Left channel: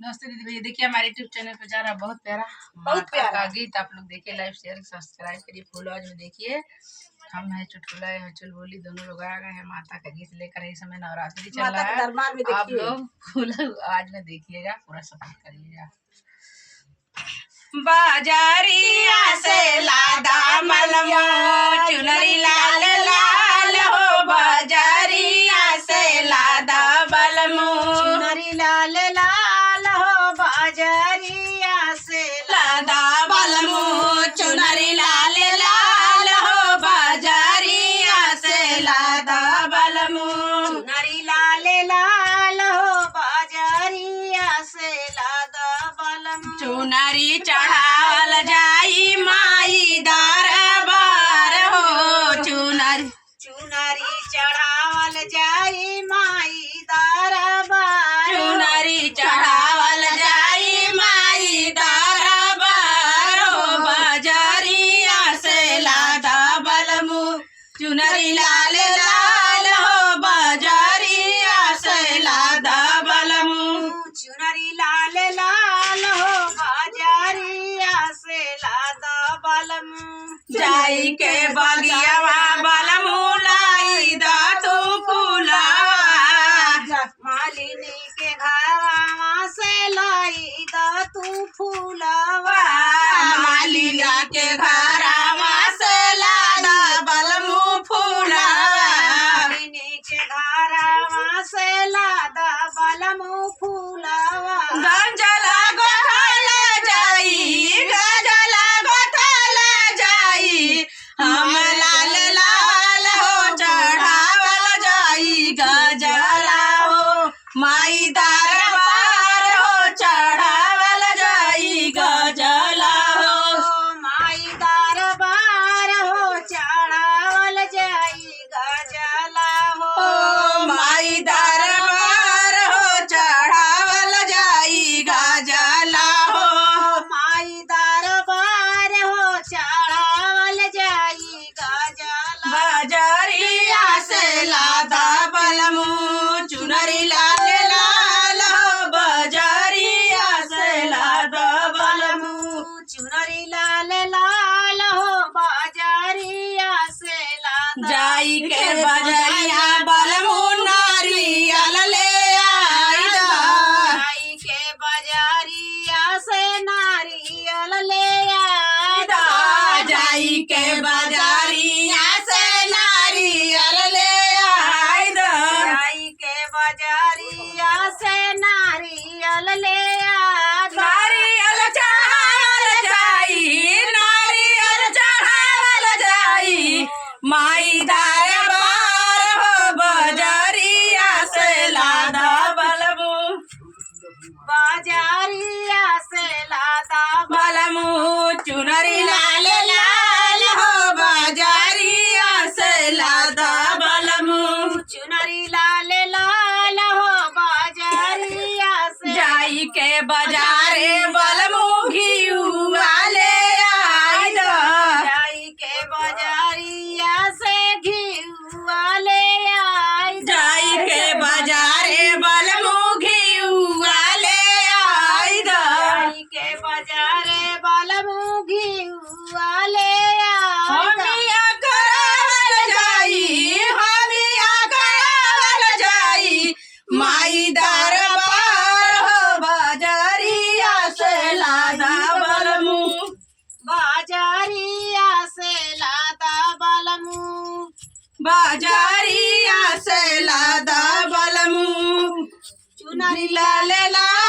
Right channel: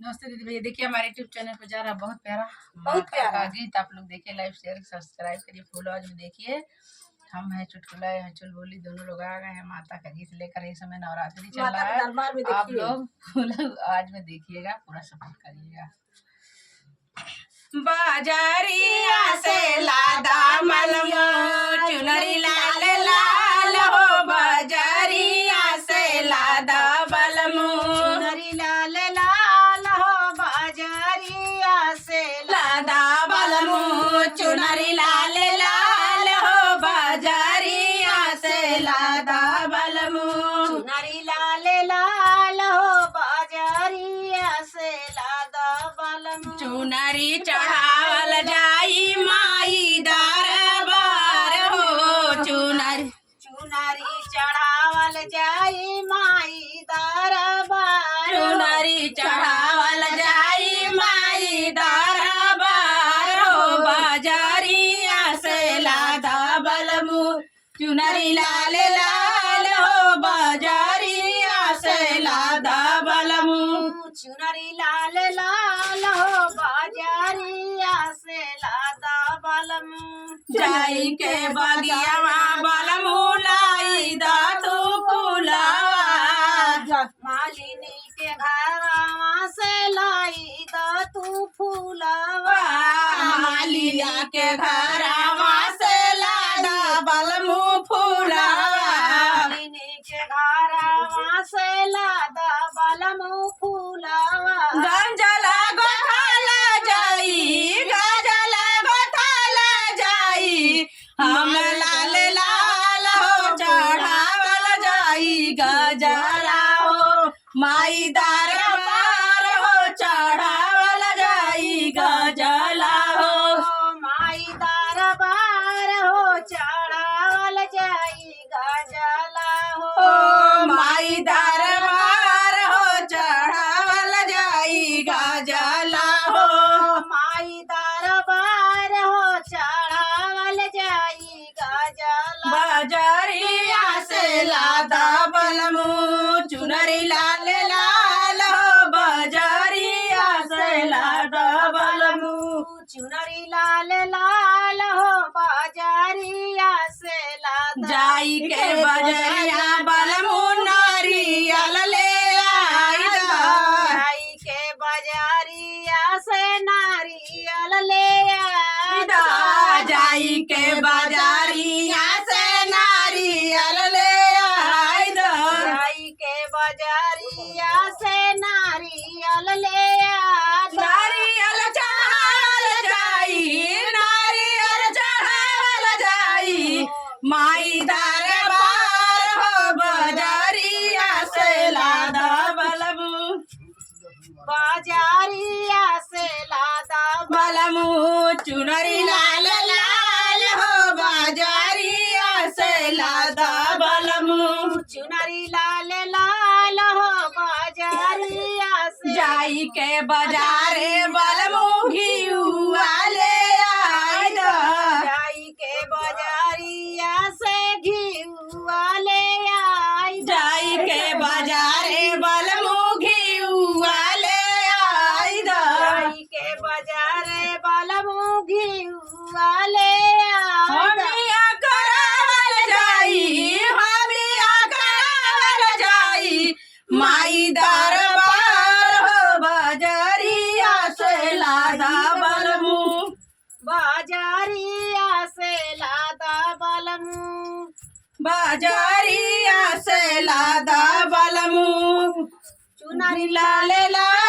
नमस्ते दीदी भैया, देखिए हमारे यूट्यूब चैनल पर जा रहा बहुत प्यारा प्यारा गीत। आप लोग देखिए, लाइक शेयर सब्सक्राइब करिए। फुल आवाज में देखिए। हम है चुटकुला है चुलबुली, दोनों लोग आ गए हैं माता का गीत लेकर। इस समय नवरात्रि चल माता रहा के है। दरबार में आप देखिए। लोग फुल आवाज में देखिएगा, पूरा सपोर्ट करिएगा। बाजारिया से लादा मलमो चुनरी लाल लाल हो, बाजारिया से लादा बलमो चुनरी लाल लाल हो, बाजारिया से लादा बलमो चुनरी लाल लाल हो, बाजारिया से लादा बलमो चुनरी लाल लाल हो, बाजारिया से लादा बलम। चुनरी चढ़ावल जाई माई दरबार हो, चुनरी चुनरी चढ़ावल जाई माई दरबार। चुनरी चढ़ावल जाई माई दरबार हो, बाजारिया से लादा बलमु चुनरी लाल लाल हो, बाजारिया से लादा बलमु चुनरी लाल लाल हो, बाजारिया से लादा बलम। जाई के बगियावा बलमु लाई दा तू फूलावा, मालिनी के घरवा से लाई दा तू फूलवा। मालिया के घरवा से लादा बलमु फूलावा, मालिनी के घरवा से लादा बलमु फूलवा। गंजला गोथाला जाई, गंजला गोथाला जाई, हम लाल लाल हो चढ़ावल जाई गजला हो, माई दरबार हो चढ़ावल जाई गजला हो, माई दरबार हो चढ़ावल जाई गजला हो। ओ माई दरबार हो चढ़ावल जाई गजला हो, माई दरबार हो चढ़ावल जाई गजला। बाजारिया से लादा बलमु चुनरी लाल लाल हो, बाजारिया से लादा बलमु चुनरी लाल लाल हो, बाजारिया से लादा। जाई के बजरिया बलमु नारियल ले आइदा, जाई के बाजारिया से नारियल ले आइदा। जाई के बाजारिया से नारियल ले आइदा, जाई के बाजारिया से नारियल ले आइदा। नारियल चढ़ावल जाई, नारियल चढ़ावल जाई, माई दरबार हो बाजारिया से लादा बलमु बाजारिया से लादा बलमु चुनरी लाल लाल हो, बाजारिया से लादा बलमु चुनरी लाल लाल हो, बाजारिया से। जाई के बाजारे बलमु घिउआ ले आइदा, जाई के बाजारिया से घिउआ ले आइदा। जाई के बाजारे बलमु घिउआ ले आइदा, जाई के बाजारे बलमु घिउआ ले आइदा। हमिया करावल जाई, हमिया करावल जाई, माई दरबार हो बाजारिया से लादा बलमु बाजारिया से लादा बलमु। बाजारिया से लादा बलमु चुनरी लाल लाल